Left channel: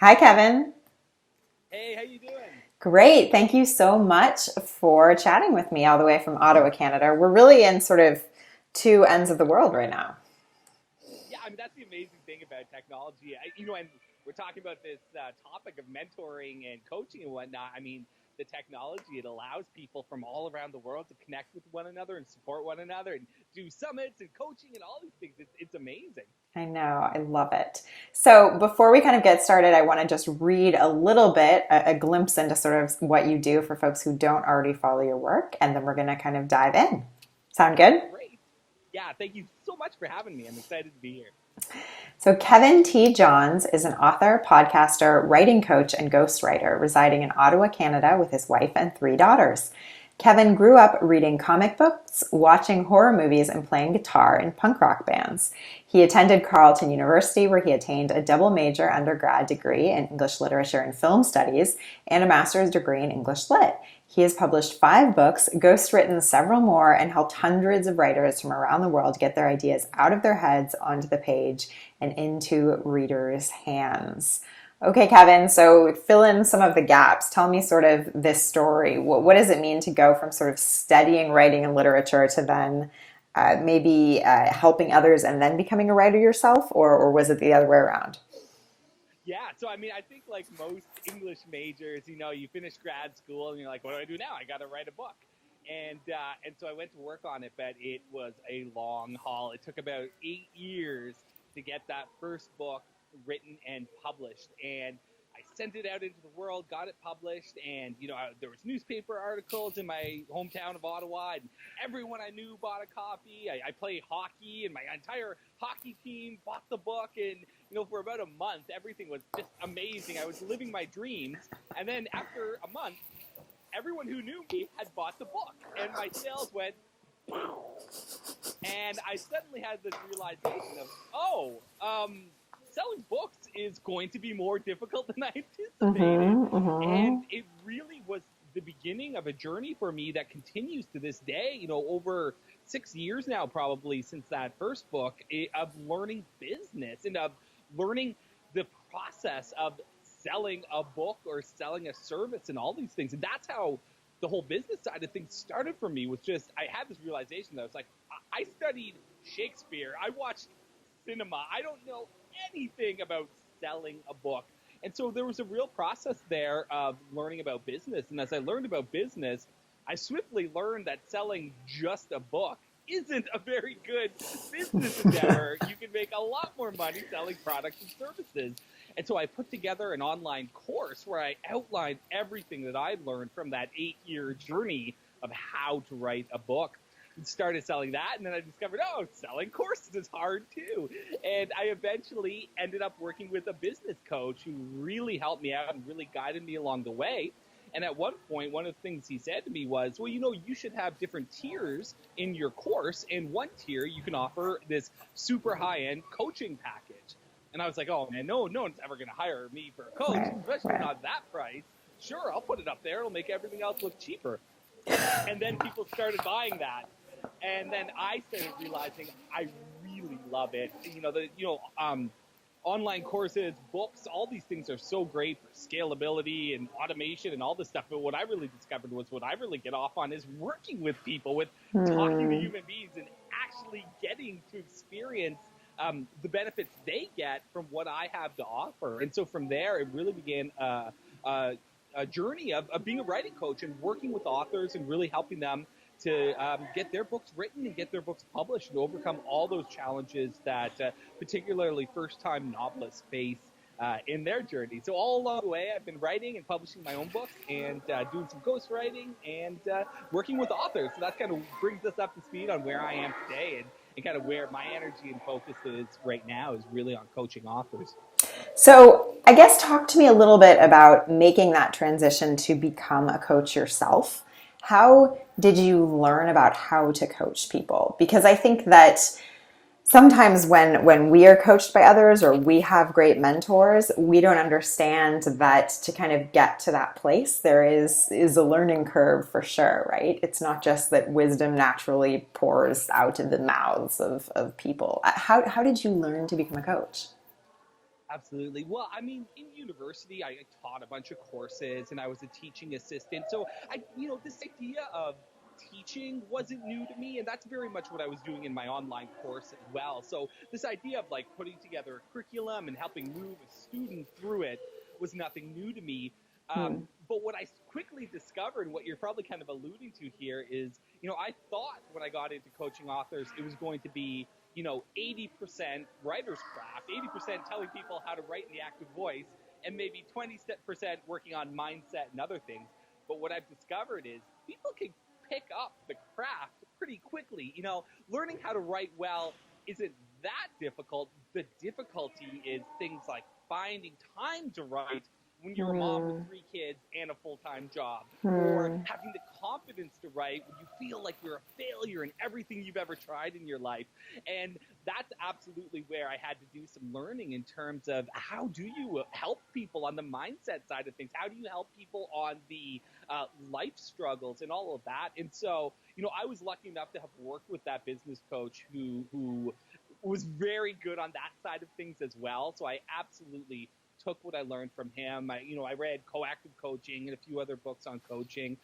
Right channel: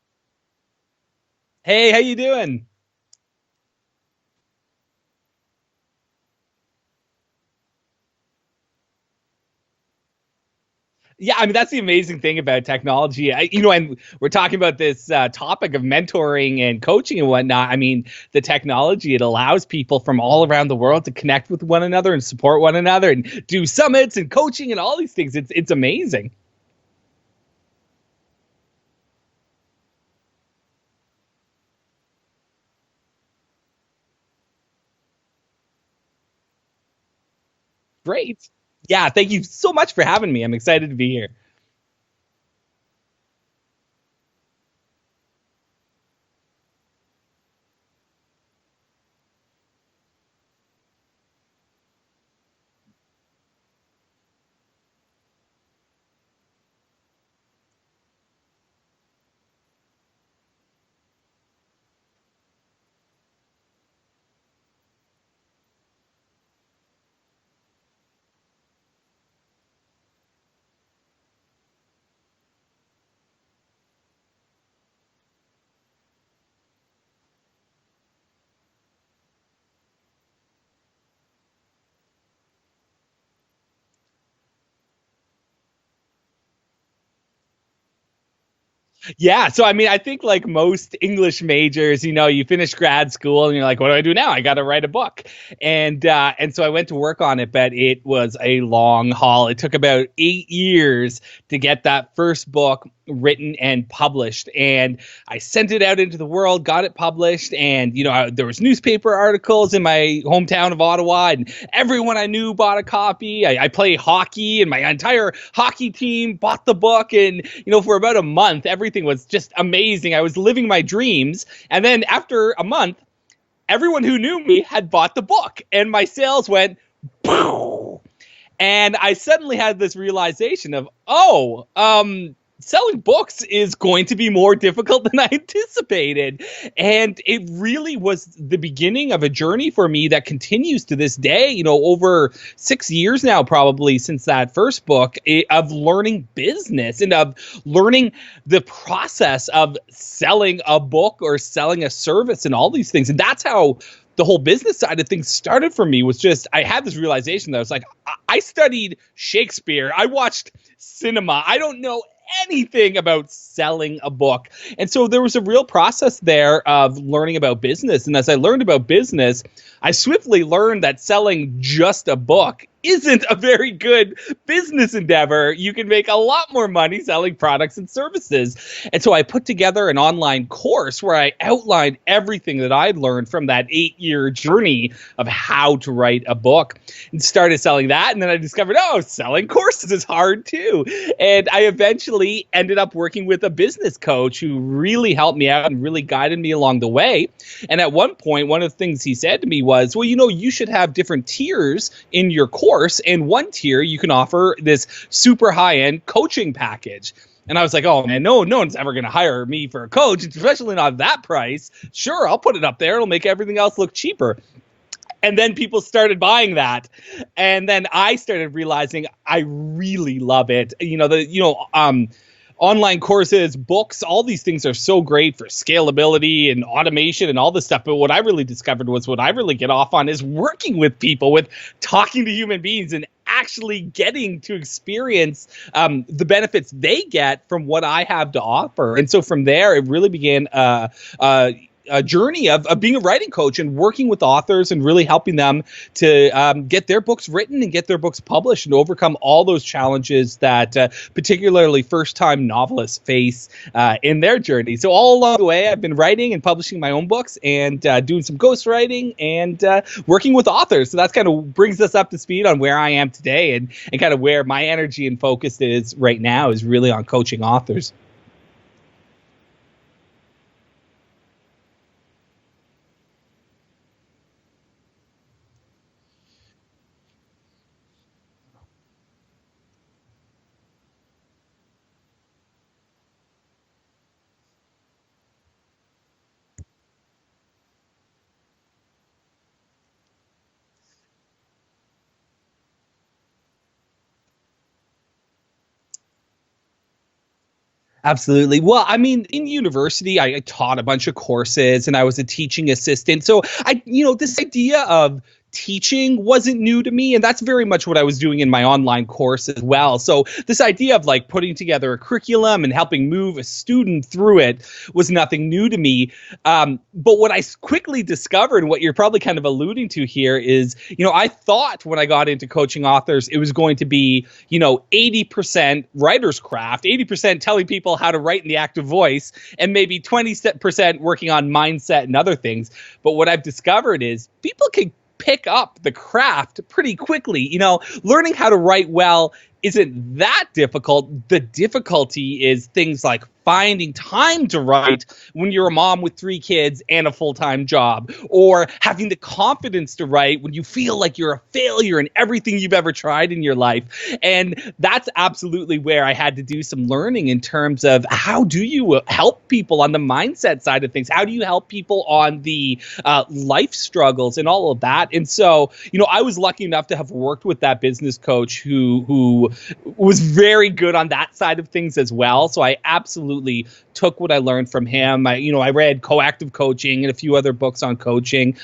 Hi, Kevin. Hey, how you doing? Great. Thank you so much for chatting with me all the way from Ottawa, Canada. We're really in sort of two ends of the world right now. Yeah, I mean that's the amazing thing about technology. And we're talking about this topic of mentoring and coaching and whatnot. I mean, the technology it allows people from all around the world to connect with one another and support one another and do summits and coaching and all these things. It's amazing. I know. I love it. So, before we kind of get started, I want to just read a little bit, a glimpse into sort of what you do for folks who don't already follow your work, and then we're going to kind of dive in. Sound good? Great. Yeah, thank you so much for having me. I'm excited to be here. So, Kevin T. Johns is an author, podcaster, writing coach, and ghostwriter residing in Ottawa, Canada, with his wife and three daughters. Kevin grew up reading comic books, watching horror movies, and playing guitar in punk rock bands. He attended Carleton University, where he attained a double major undergrad degree in English Literature and Film Studies and a master's degree in English Lit. He has published 5 books, ghostwritten several more, and helped hundreds of writers from around the world get their ideas out of their heads onto the page and into readers' hands. Okay, Kevin, so fill in some of the gaps. Tell me sort of this story. What does it mean to go from sort of studying writing and literature to then maybe helping others and then becoming a writer yourself? Or was it the other way around? Yeah, so I mean, I think like most English majors, you finish grad school and you're like, what do I do now? I got to write a book, and so I went to work on it, but it was a long haul. It took about 8 years to get that first book written and published, and I sent it out into the world, got it published, and there was newspaper articles in my hometown of Ottawa, and everyone I knew bought a copy. I play hockey, and my entire hockey team bought the book, and for about a month, everything was just amazing. I was living my dreams, and then after a month, everyone who knew me had bought the book, and my sales went boom. And I suddenly had this realization of, selling books is going to be more difficult than I anticipated. Mm-hmm. And it really was the beginning of a journey for me that continues to this day, over 6 years now, probably since that first book, of learning business and of learning the process of selling a book or selling a service and all these things. And that's how the whole business side of things started for me. Was just I had this realization that I was like, I studied Shakespeare, I watched cinema, I don't know anything about selling a book. And so there was a real process there of learning about business. And as I learned about business, I swiftly learned that selling just a book isn't a very good business endeavor. You can make a lot more money selling products and services. And so I put together an online course where I outlined everything that I'd learned from that 8 year journey of how to write a book and started selling that. And then I discovered, selling courses is hard too. And I eventually ended up working with a business coach who really helped me out and really guided me along the way. And at one point, one of the things he said to me was, well, you should have different tiers in your course. And one tier, you can offer this super high end coaching package. And I was like, oh man, no one's ever going to hire me for a coach, Right, especially right. not that price. Sure, I'll put it up there. It'll make everything else look cheaper. And then people started buying that, and then I started realizing I really love it. Online courses, books, all these things are so great for scalability and automation and all this stuff. But what I really discovered was what I really get off on is working with people, with talking to Hmm. human beings and actually getting to experience the benefits they get from what I have to offer. And so from there, it really began a journey of being a writing coach and working with authors and really helping them to get their books written and get their books published and overcome all those challenges that particularly first-time novelists face in their journey. So all along the way, I've been writing and publishing my own books and doing some ghostwriting and working with authors. So that's kind of brings us up to speed on where I am today and kind of where my energy and focus is right now is really on coaching authors. So, I guess talk to me a little bit about making that transition to become a coach yourself. How did you learn about how to coach people? Because I think that sometimes when we are coached by others or we have great mentors, we don't understand that to kind of get to that place, there is a learning curve for sure, right? It's not just that wisdom naturally pours out of the mouths of people. How did you learn to become a coach? Absolutely. Well, I mean, in university, I taught a bunch of courses and I was a teaching assistant. So this idea of teaching wasn't new to me. And that's very much what I was doing in my online course as well. So this idea of like putting together a curriculum and helping move a student through it was nothing new to me. But what I quickly discovered, what you're probably kind of alluding to here is, I thought when I got into coaching authors, it was going to be, 80% writer's craft, 80% telling people how to write in the active voice, and maybe 20% working on mindset and other things. But what I've discovered is people can pick up the craft pretty quickly. Learning how to write well isn't that difficult. The difficulty is things like finding time to write when you're a mom with 3 kids and a full-time job, or having the confidence to write when you feel like you're a failure in everything you've ever tried in your life. And that's absolutely where I had to do some learning in terms of how do you help people on the mindset side of things? How do you help people on the life struggles and all of that? And so, I was lucky enough to have worked with that business coach who was very good on that side of things as well. So I absolutely took what I learned from him. I read Coactive Coaching and a few other books on coaching.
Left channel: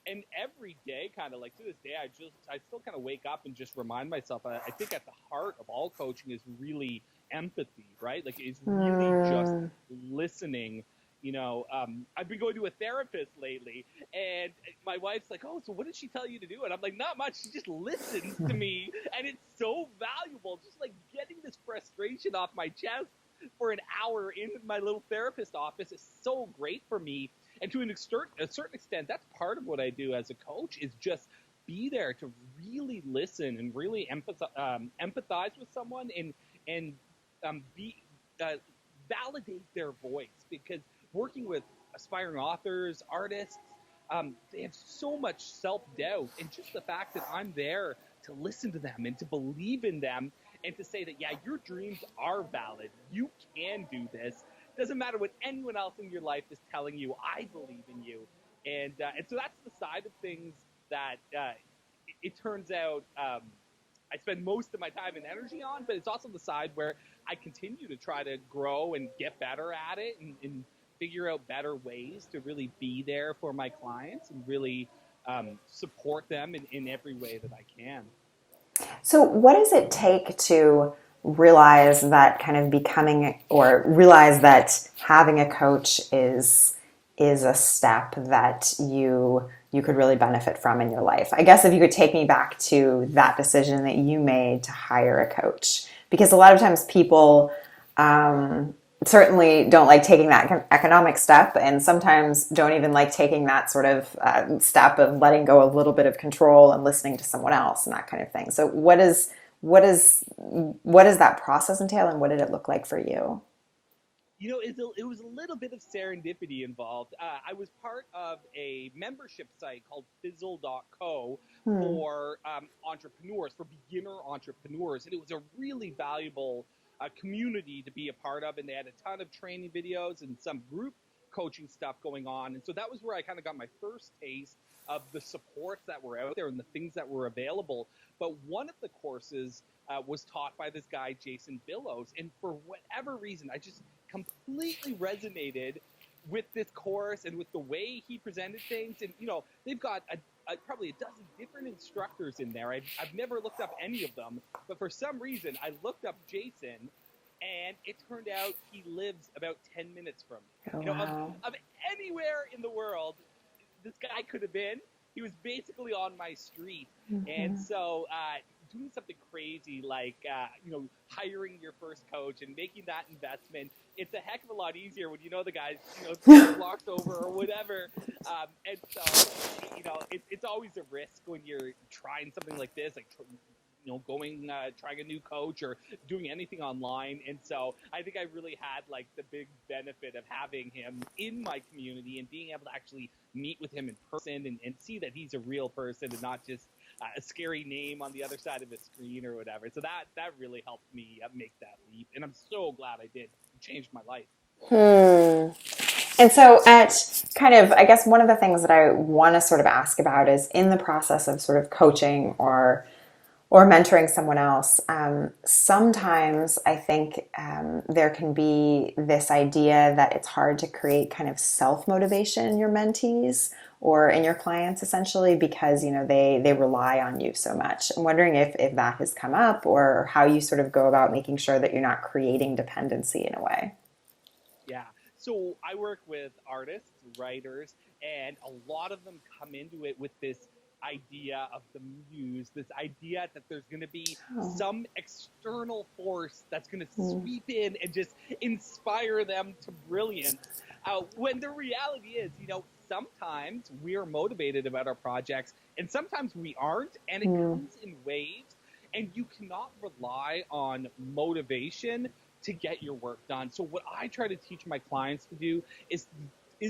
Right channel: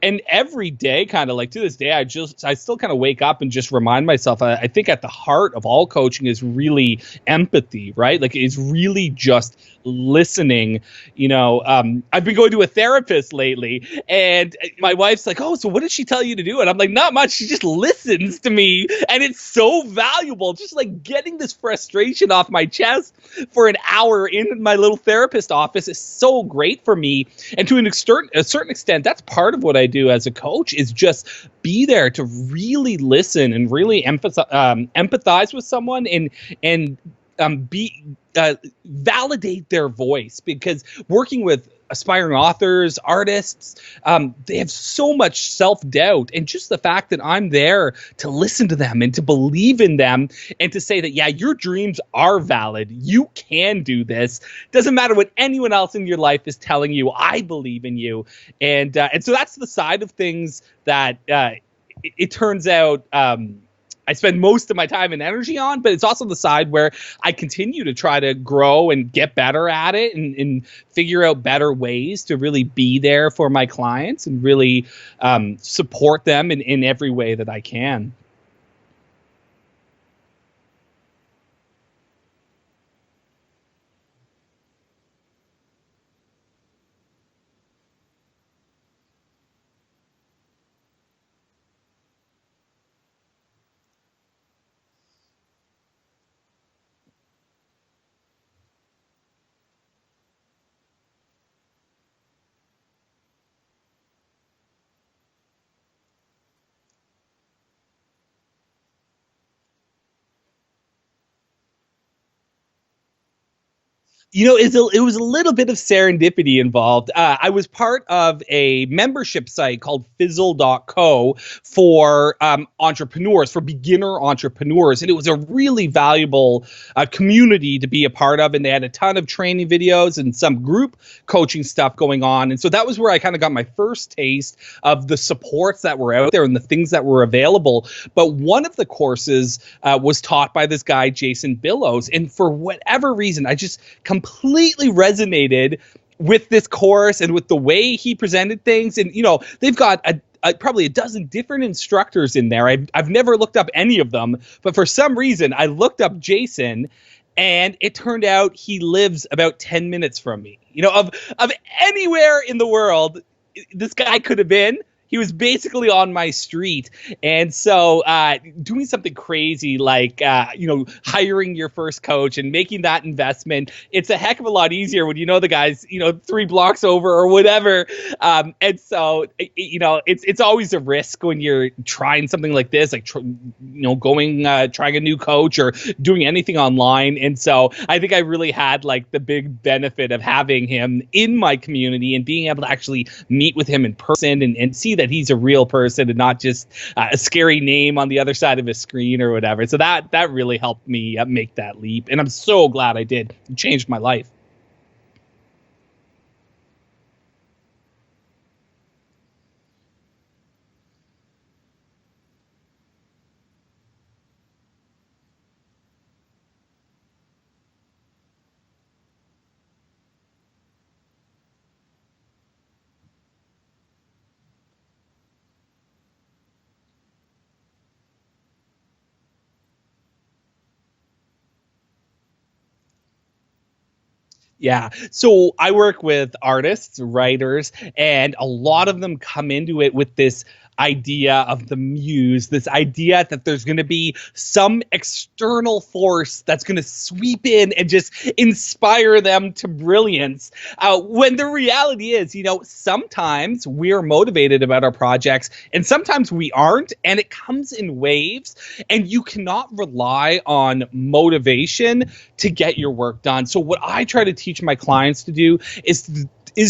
And every day, kind of like to this day, I still kind of wake up and just remind myself, I think at the heart of all coaching is really empathy, right? Like it's really just listening. I've been going to a therapist lately and my wife's like, oh, so what did she tell you to do? And I'm like, not much. She just listens to me. And it's so valuable. Just like getting this frustration off my chest for an hour in my little therapist office is so great for me. And to a certain extent, that's part of what I do as a coach is just be there to really listen and really empathize with someone and validate their voice, because working with aspiring authors, artists, they have so much self-doubt, and just the fact that I'm there to listen to them and to believe in them and to say that, yeah, your dreams are valid. You can do this. Doesn't matter what anyone else in your life is telling you. I believe in you. And so that's the side of things that it turns out I spend most of my time and energy on, but it's also the side where I continue to try to grow and get better at it and figure out better ways to really be there for my clients and really support them in every way that I can. So what does it take to realize that kind of becoming, or realize that having a coach is a step that you could really benefit from in your life? I guess if you could take me back to that decision that you made to hire a coach, because a lot of times people certainly don't like taking that economic step, and sometimes don't even like taking that sort of step of letting go a little bit of control and listening to someone else and that kind of thing. So what does that process entail, and what did it look like for you? It was a little bit of serendipity involved. I was part of a membership site called fizzle.co for entrepreneurs, for beginner entrepreneurs. And it was a really valuable community to be a part of. And they had a ton of training videos and some group coaching stuff going on. And so that was where I kind of got my first taste of the supports that were out there and the things that were available. But one of the courses was taught by this guy, Jason Billows. And for whatever reason, I just completely resonated with this course and with the way he presented things. And, they've got probably a dozen different instructors in there. I've never looked up any of them, but for some reason I looked up Jason, and it turned out he lives about 10 minutes from me. Of anywhere in the world this guy could have been, he was basically on my street. And so doing something crazy like, hiring your first coach and making that investment, it's a heck of a lot easier when you know the guy's, 3 blocks over or whatever. And so, it's always a risk when you're trying something like this, like, trying a new coach or doing anything online. And so I think I really had like the big benefit of having him in my community and being able to actually meet with him in person and see that he's a real person and not just a scary name on the other side of a screen or whatever. So that really helped me make that leap. And I'm so glad I did. It changed my life. And so at kind of, I guess one of the things that I want to sort of ask about is in the process of sort of coaching or or mentoring someone else, sometimes I think there can be this idea that it's hard to create kind of self-motivation in your mentees or in your clients, essentially, because they rely on you so much. I'm wondering if that has come up, or how you sort of go about making sure that you're not creating dependency in a way. Yeah. So I work with artists, writers, and a lot of them come into it with this idea of the muse, this idea that there's going to be some external force that's going to sweep in and just inspire them to brilliance. When the reality is, sometimes we're motivated about our projects and sometimes we aren't, and it comes in waves, and you cannot rely on motivation to get your work done. So what I try to teach my clients to do is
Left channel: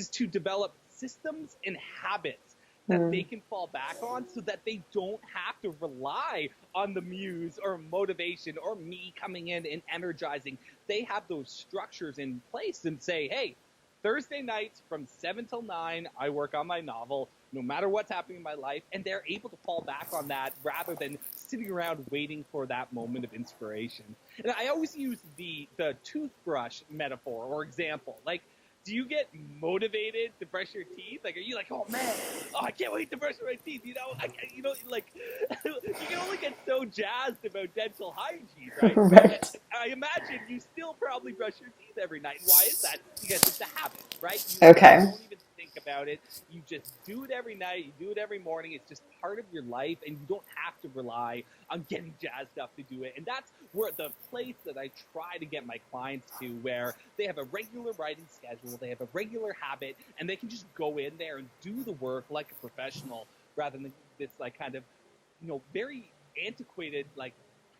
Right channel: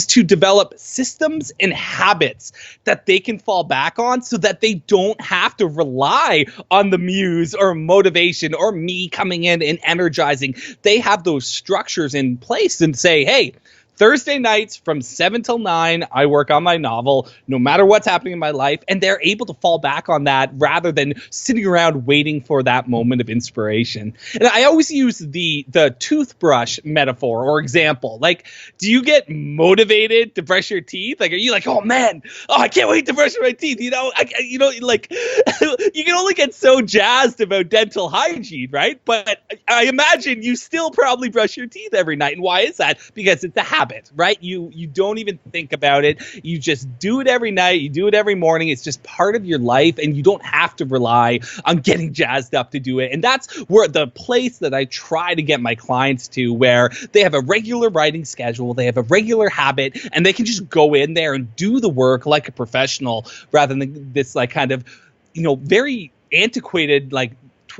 to develop systems and habits that they can fall back on, so that they don't have to rely on the muse or motivation or me coming in and energizing. They have those structures in place and say, hey, Thursday nights from 7 till 9, I work on my novel, no matter what's happening in my life. And they're able to fall back on that rather than sitting around waiting for that moment of inspiration. And I always use the toothbrush metaphor or example. Like, do you get motivated to brush your teeth? Like, are you like, oh man, I can't wait to brush my teeth? You can only get so jazzed about dental hygiene, right? But I imagine you still probably brush your teeth every night. And why is that? Because it's a habit, right? You don't even think about it. You just do it every night. You do it every morning. It's just part of your life, and you don't have to rely on getting jazzed up to do it. And that's where the place that I try to get my clients to, where they have a regular writing schedule, they have a regular habit, and they can just go in there and do the work like a professional, rather than this like kind of, very antiquated, like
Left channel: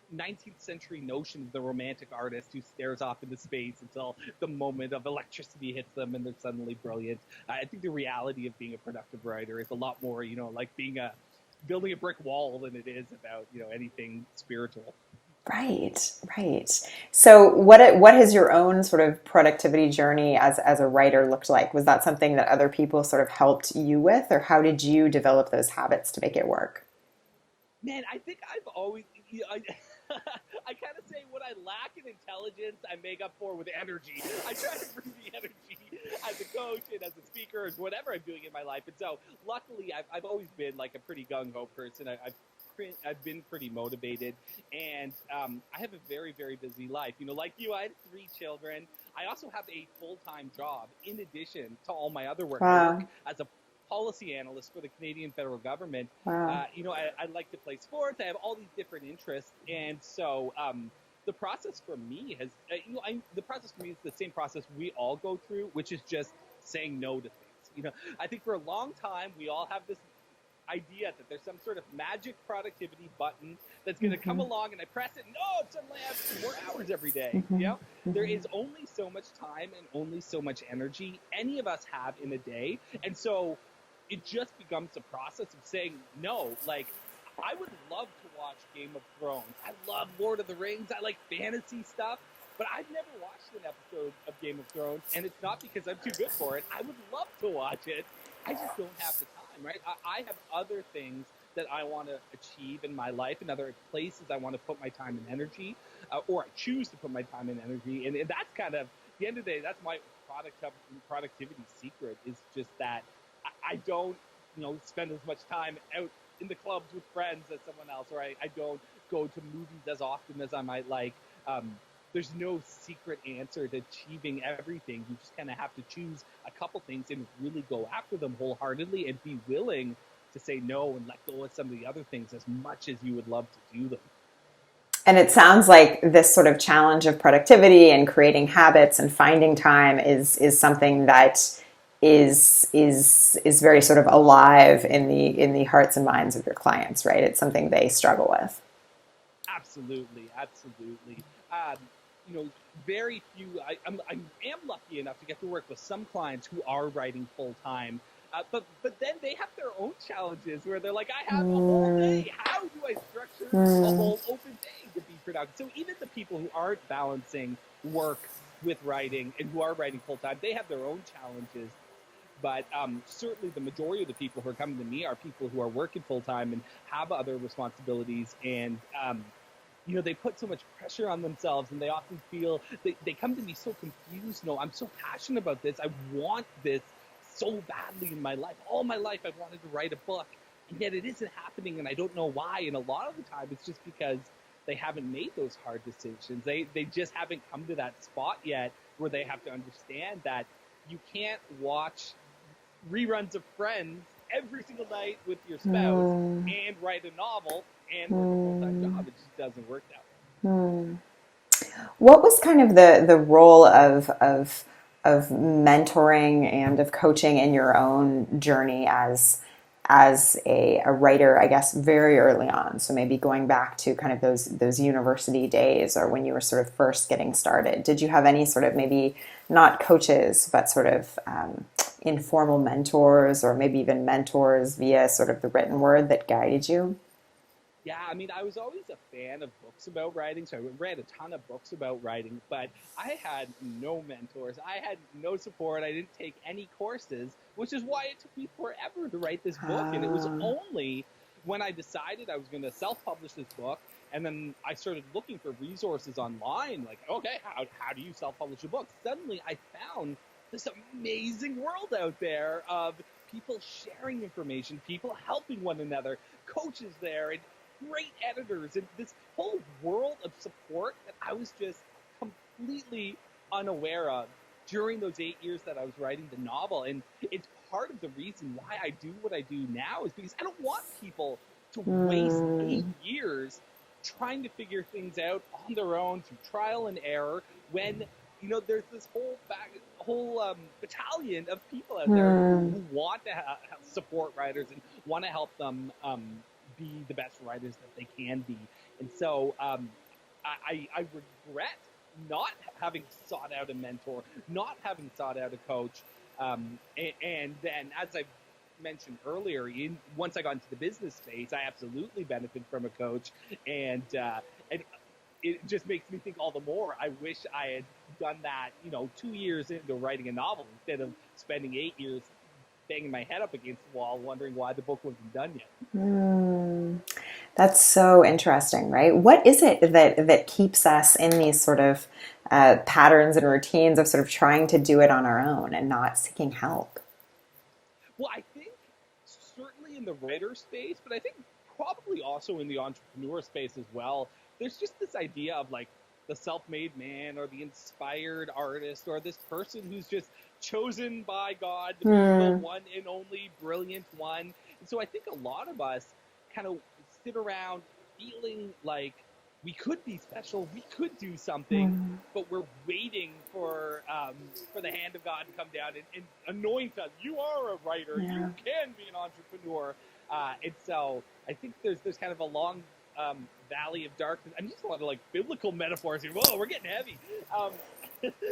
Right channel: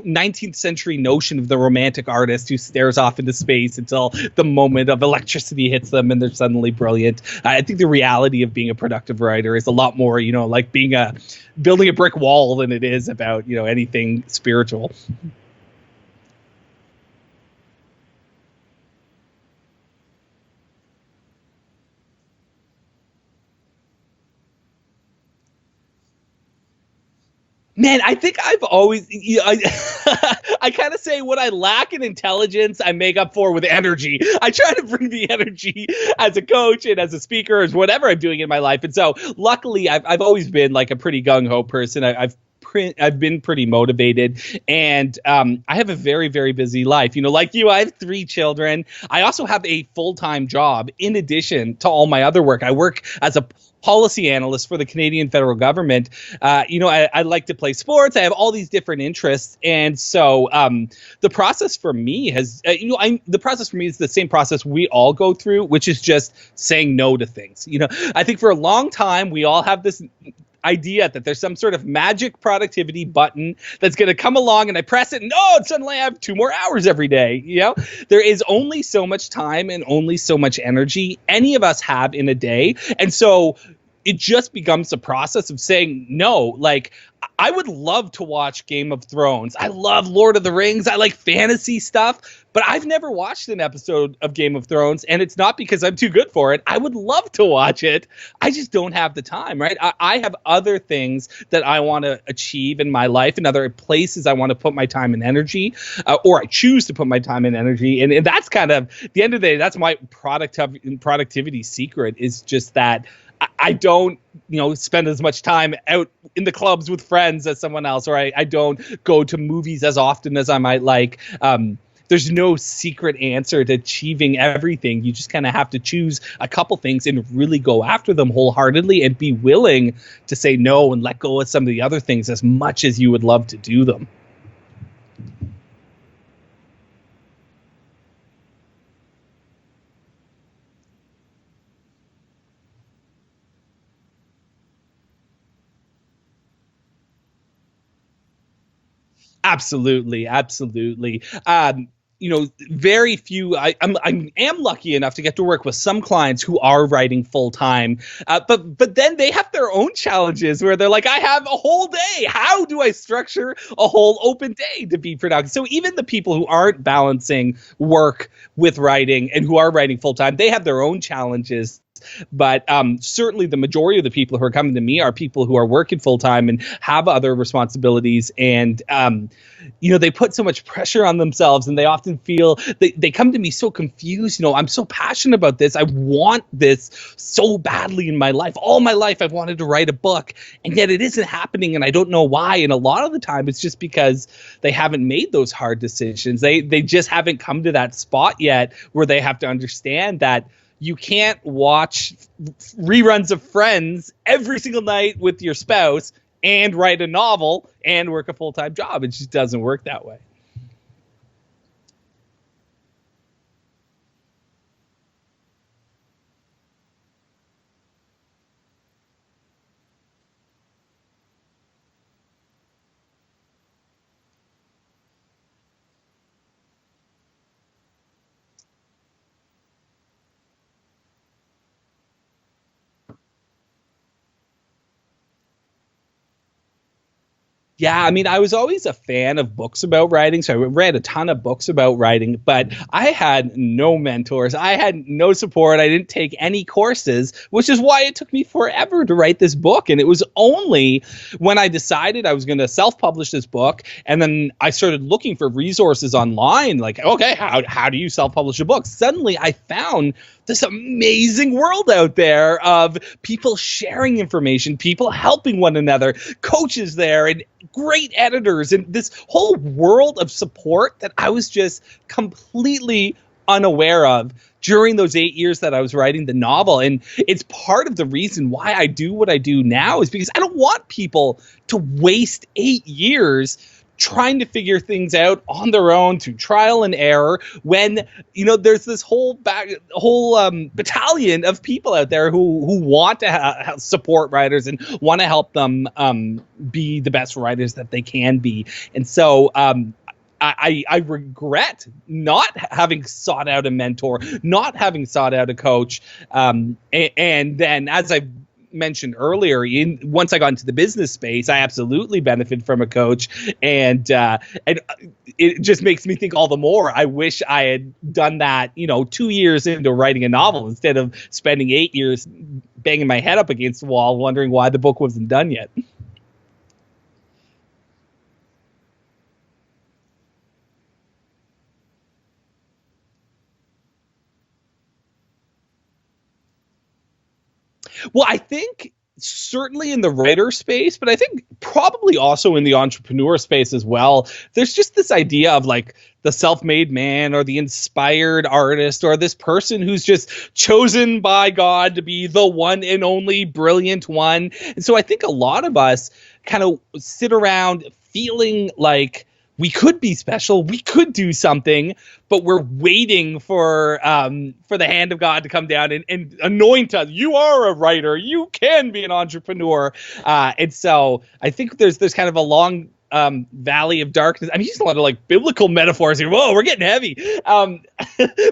19th century notion of the romantic artist who stares off into space until the moment of electricity hits them and they're suddenly brilliant. I think the reality of being a productive writer is a lot more, like building a brick wall than it is about, anything spiritual. Right. So what has your own sort of productivity journey as a writer looked like? Was that something that other people sort of helped you with, or how did you develop those habits to make it work? Man, I think I've always, I kind of say what I lack in intelligence, I make up for with energy. I try to bring the energy as a coach and as a speaker, as whatever I'm doing in my life. And so luckily, I've always been like a pretty gung-ho person. I've been pretty motivated, and I have a very, very busy life. Like you, I have 3 children. I also have a full-time job in addition to all my other work. I work as a policy analyst for the Canadian federal government. I like to play sports. I have all these different interests. And so the process for me is the same process we all go through, which is just saying no to things. I think for a long time, we all have this idea that there's some sort of magic productivity button that's going to come along and I press it and suddenly I have 2 more hours every day. There is only so much time and only so much energy any of us have in a day. And so it just becomes a process of saying no. Like, I would love to watch Game of Thrones. I love Lord of the Rings. I like fantasy stuff, but I've never watched an episode of Game of Thrones, and it's not because I'm too good for it. I would love to watch it. I just don't have the time, right? I have other things that I want to achieve in my life and other places I want to put my time and energy, or I choose to put my time and energy. And that's kind of, at the end of the day, that's my productivity secret, is just that I don't, spend as much time out in the clubs with friends as someone else, or I don't go to movies as often as I might like. There's no secret answer to achieving everything. You just kind of have to choose a couple things and really go after them wholeheartedly and be willing to say no and let go of some of the other things as much as you would love to do them. And it sounds like this sort of challenge of productivity and creating habits and finding time is something that is very sort of alive in the hearts and minds of your clients, right? It's something they struggle with. Absolutely. Very few. I am lucky enough to get to work with some clients who are writing full time, but then they have their own challenges where they're like, I have a whole day. How do I structure a whole open day to be productive? So even the people who aren't balancing work with writing and who are writing full time, they have their own challenges But certainly the majority of the people who are coming to me are people who are working full time and have other responsibilities. And they put so much pressure on themselves, and they often feel they come to me so confused. I'm so passionate about this. I want this so badly in my life. All my life I've wanted to write a book, and yet it isn't happening, and I don't know why. And a lot of the time it's just because they haven't made those hard decisions. They just haven't come to that spot yet where they have to understand that you can't watch reruns of Friends every single night with your spouse and write a novel and work a full-time job. It just doesn't work that way. What was kind of the role of mentoring and of coaching in your own journey as a writer, I guess, very early on? So maybe going back to kind of those university days, or when you were sort of first getting started. Did you have any sort of, maybe not coaches, but sort of informal mentors, or maybe even mentors via sort of the written word that guided you? Yeah, I mean, I was always a fan of books about writing, so I read a ton of books about writing, but I had no mentors. I had no support. I didn't take any courses, which is why it took me forever to write this book. And it was only when I decided I was going to self-publish this book, and then I started looking for resources online, like, okay, how do you self-publish a book? Suddenly I found this amazing world out there of people sharing information, people helping one another, coaches there, and great editors, and this whole world of support that I was just completely unaware of during those 8 years that I was writing the novel. And it's part of the reason why I do what I do now, is because I don't want people to waste 8 years trying to figure things out on their own through trial and error, when there's this whole battalion of people out there who want to support writers and want to help them be the best writers that they can be. And so I regret not having sought out a mentor, not having sought out a coach, and then, as I mentioned earlier, once I got into the business space, I absolutely benefited from a coach, and it just makes me think all the more. I wish I had done that, 2 years into writing a novel, instead of spending 8 years banging my head up against the wall, wondering why the book wasn't done yet. That's so interesting, right? What is it that keeps us in these sort of patterns and routines of sort of trying to do it on our own and not seeking help? Well, I think certainly in the writer space, but I think probably also in the entrepreneur space as well, there's just this idea of like the self-made man, or the inspired artist, or this person who's just chosen by God to be the one and only brilliant one. And so I think a lot of us kind of sit around feeling like we could be special, we could do something, but we're waiting for the hand of God to come down and anoint us. You are a writer. You can be an entrepreneur. And so I think there's kind of a long valley of darkness. I'm using a lot of like biblical metaphors here. Whoa, we're getting heavy. But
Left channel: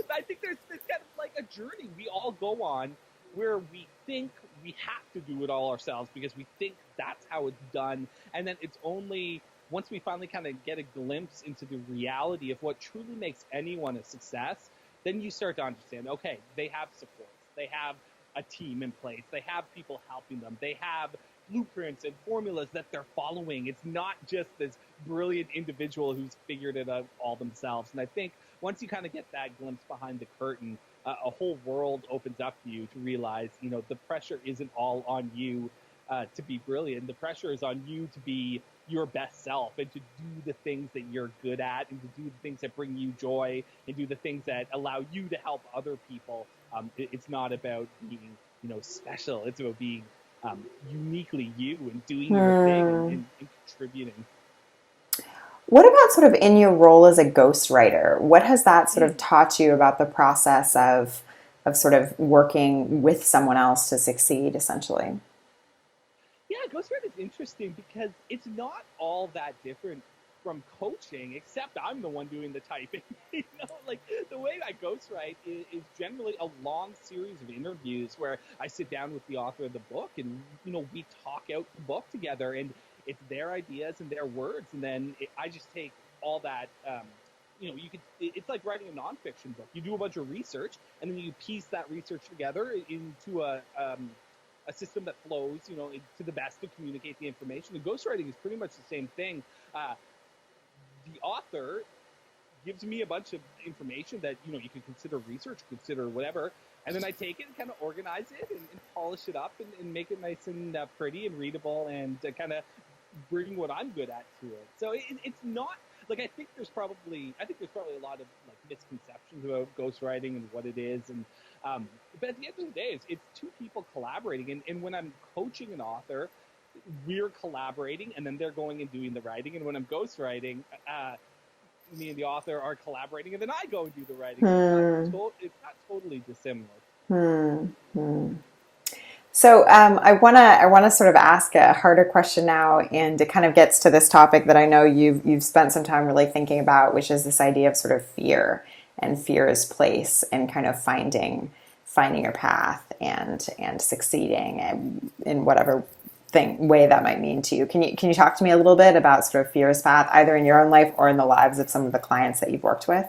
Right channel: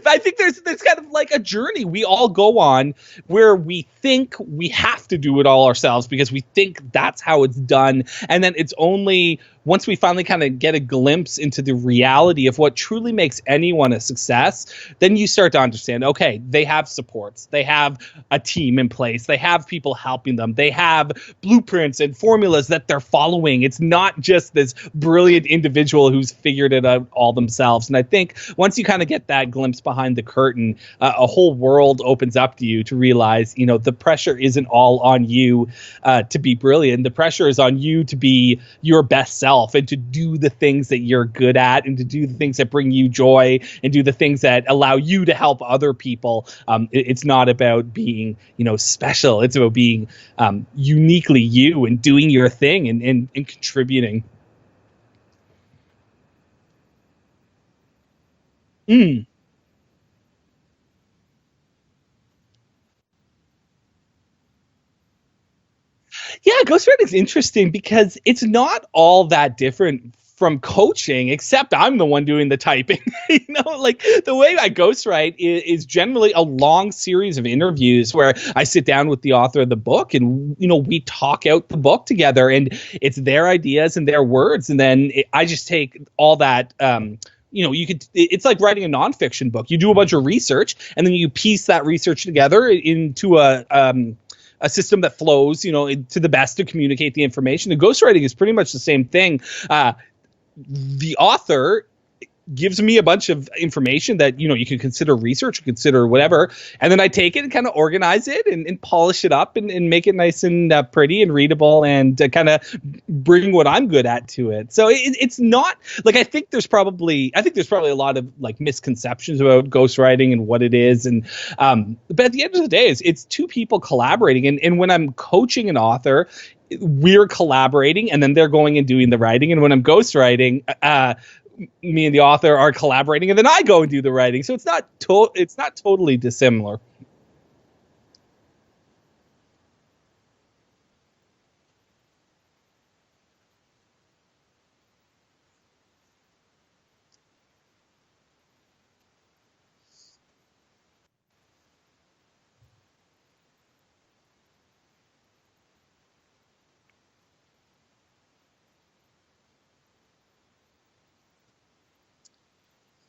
I think there's kind of like a journey we all go on where we think we have to do it all ourselves because we think that's how it's done. And then it's only once we finally kind of get a glimpse into the reality of what truly makes anyone a success, then you start to understand, okay, they have supports, they have a team in place, they have people helping them, they have blueprints and formulas that they're following. It's not just this brilliant individual who's figured it out all themselves. And I think once you kind of get that glimpse behind the curtain, a whole world opens up to you to realize, the pressure isn't all on you to be brilliant. The pressure is on you to be your best self, and to do the things that you're good at, and to do the things that bring you joy, and do the things that allow you to help other people. It's not about being, special. It's about being uniquely you and doing your thing and contributing. What about sort of in your role as a ghostwriter? What has that sort of taught you about the process of sort of working with someone else to succeed, essentially? Yeah, ghostwriting is interesting because it's not all that different from coaching, except I'm the one doing the typing. Like the way I ghostwrite is generally a long series of interviews where I sit down with the author of the book and, we talk out the book together, and it's their ideas and their words. And then I just take all that you could, it's like writing a nonfiction book. You do a bunch of research and then you piece that research together into a system that flows, to the best to communicate the information. And ghostwriting is pretty much the same thing. The author gives me a bunch of information that, you can consider research, consider whatever. And then I take it and kind of organize it and polish it up and make it nice and pretty and readable and kind of bring what I'm good at to it. So it's not like, I think there's probably a lot of like misconceptions about ghostwriting and what it is. And, but at the end of the day, it's two people collaborating. And when I'm coaching an author, we're collaborating and then they're going and doing the writing. And when I'm ghostwriting, me and the author are collaborating, and then I go and do the writing. So it's not totally dissimilar. So I wanna sort of ask a harder question now, and it kind of gets to this topic that I know you've spent some time really thinking about, which is this idea of sort of fear and fear's place and kind of finding your path and succeeding in whatever way that might mean to you. Can you talk to me a little bit about sort of fear's path, either in your own life or in the lives of some of the clients that you've worked with?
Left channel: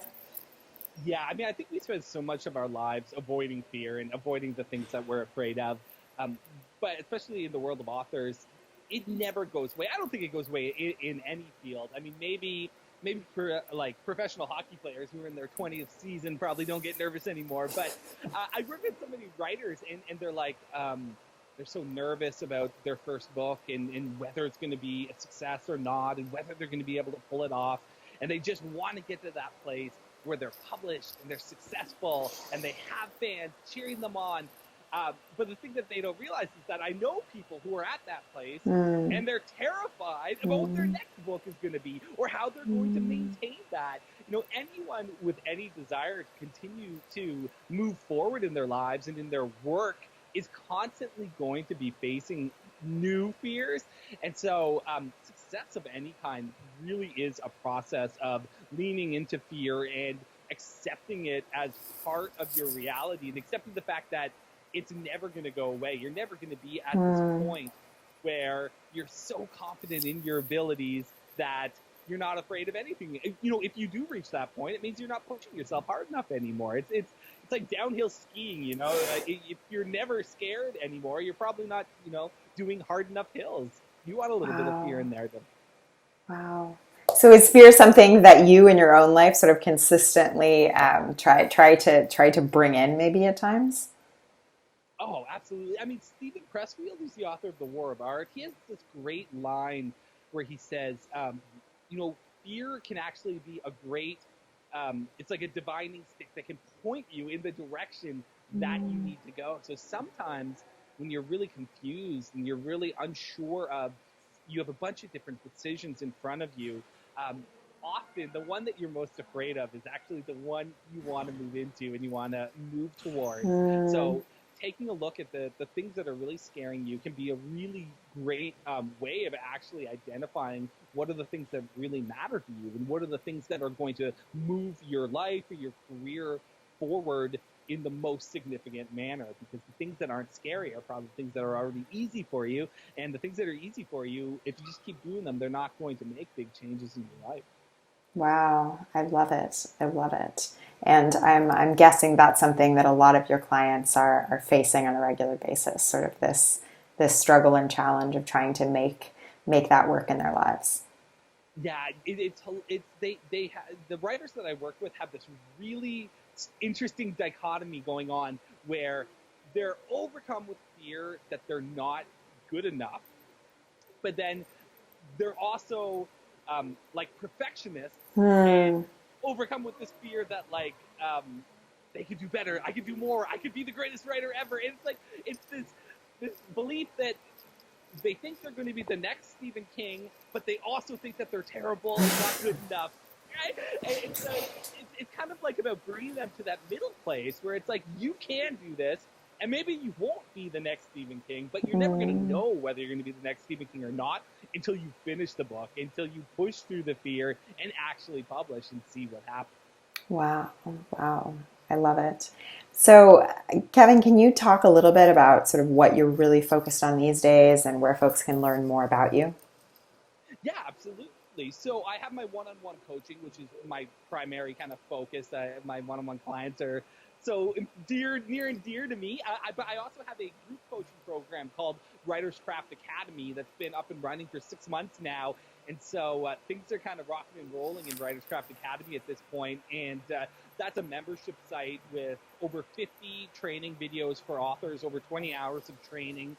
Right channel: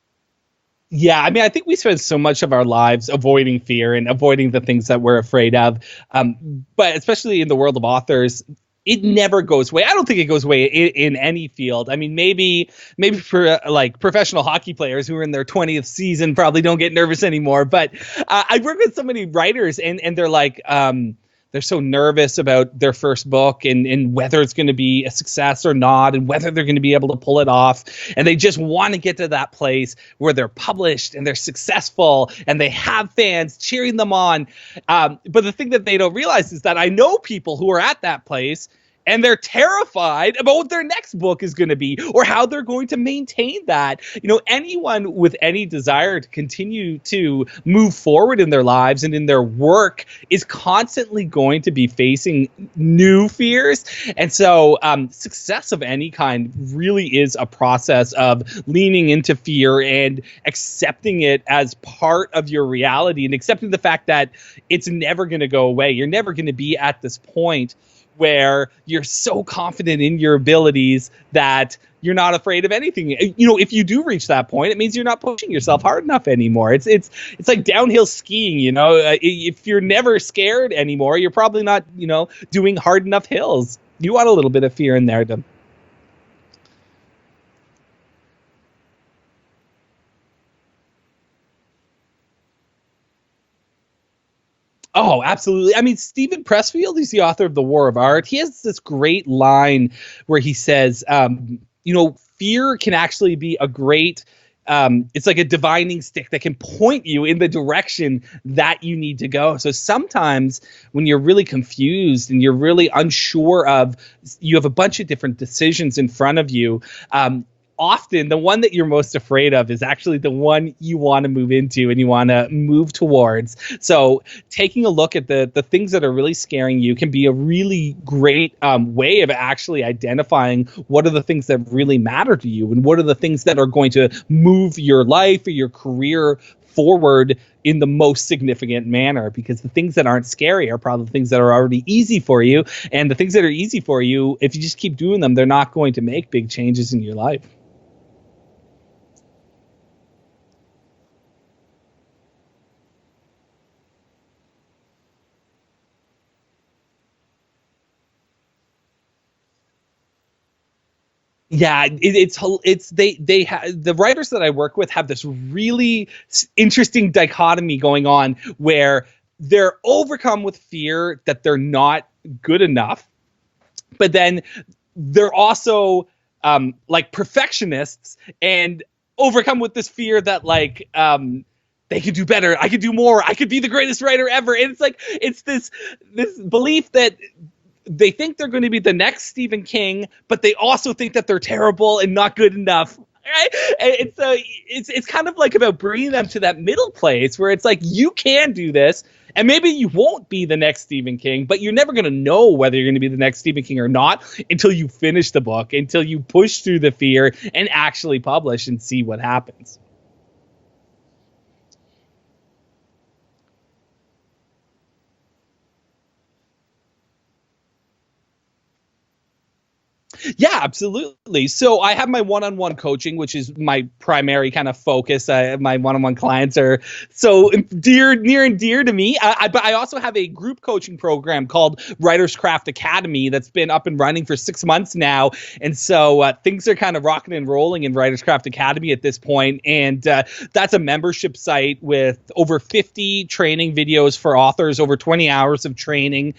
Yeah, I mean, I think we spend so much of our lives avoiding fear and avoiding the things that we're afraid of. But especially in the world of authors, it never goes away. I don't think it goes away in any field. I mean, maybe for like professional hockey players who are in their 20th season probably don't get nervous anymore. But I work with so many writers, and they're like, they're so nervous about their first book and whether it's going to be a success or not and whether they're going to be able to pull it off. And they just want to get to that place where they're published and they're successful and they have fans cheering them on. But the thing that they don't realize is that I know people who are at that place and they're terrified about what their next book is going to be or how they're going to maintain that. Anyone with any desire to continue to move forward in their lives and in their work is constantly going to be facing new fears. And so success of any kind really is a process of leaning into fear and accepting it as part of your reality and accepting the fact that it's never going to go away. You're never going to be at this point where you're so confident in your abilities that you're not afraid of anything. If you do reach that point, it means you're not pushing yourself hard enough anymore. It's like downhill skiing. If you're never scared anymore, you're probably not, doing hard enough hills. You want a little bit of fear in there. Wow. So is fear something that you in your own life sort of consistently try to bring in maybe at times? Oh, absolutely. I mean, Stephen Pressfield, he's the author of The War of Art. He has this great line where he says, fear can actually be a great, it's like a divining stick that can point you in the direction that you need to go. So sometimes when you're really confused and you're really unsure you have a bunch of different decisions in front of you, often the one that you're most afraid of is actually the one you want to move into and you want to move towards. So taking a look at the things that are really scaring you can be a really great way of actually identifying what are the things that really matter to you and what are the things that are going to move your life or your career forward in the most significant manner, because the things that aren't scary are probably the things that are already easy for you. And the things that are easy for you, if you just keep doing them, they're not going to make big changes in your life. Wow, I love it. I love it. And I'm guessing that's something that a lot of your clients are facing on a regular basis, sort of this struggle and challenge of trying to make that work in their lives. Yeah, the writers that I work with have this really interesting dichotomy going on where they're overcome with fear that they're not good enough, but then they're also like perfectionists and overcome with this fear that like they could do better, I could do more, I could be the greatest writer ever. And it's like it's this belief that they think they're going to be the next Stephen King, but they also think that they're terrible and not good enough. Right? And so it's kind of like about bringing them to that middle place where it's like you can do this. And maybe you won't be the next Stephen King, but you're never going to know whether you're going to be the next Stephen King or not until you finish the book, until you push through the fear and actually publish and see what happens. Wow. I love it. So, Kevin, can you talk a little bit about sort of what you're really focused on these days and where folks can learn more about you? Yeah, absolutely. So I have my one-on-one coaching, which is my primary kind of focus. My one-on-one clients are so near and dear to me. But I also have a group coaching program called Writers Craft Academy that's been up and running for 6 months now. And so things are kind of rocking and rolling in Writers Craft Academy at this point. And that's a membership site with over 50 training videos for authors, over 20 hours of training.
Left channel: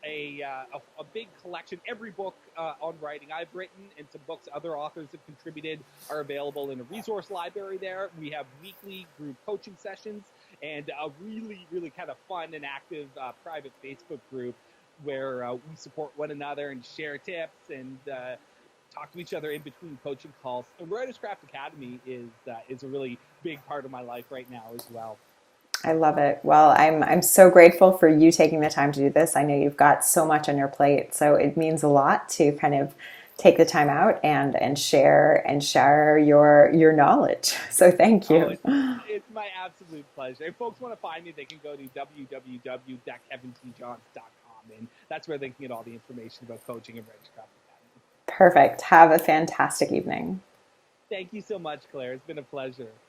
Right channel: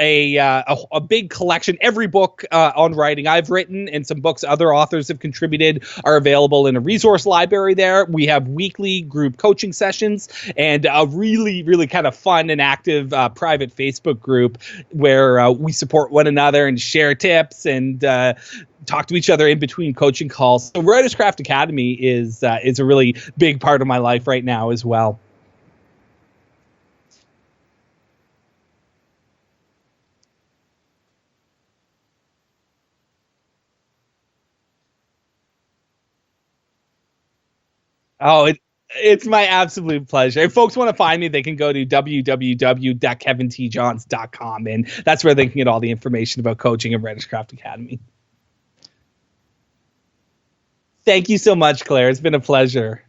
A big collection. Every book on writing I've written and some books other authors have contributed are available in a resource library there. We have weekly group coaching sessions and a really, really kind of fun and active private Facebook group where we support one another and share tips and talk to each other in between coaching calls. So Writers Craft Academy is a really big part of my life right now as well. I love it. Well, I'm so grateful for you taking the time to do this. I know you've got so much on your plate, so it means a lot to kind of take the time out and share your knowledge. So thank you. Oh, it's my absolute pleasure. If folks want to find me, they can go to www.kevintjohns.com, and that's where they can get all the information about coaching and Writers Craft Academy. Perfect. Have a fantastic evening. Thank you so much, Claire. It's been a pleasure.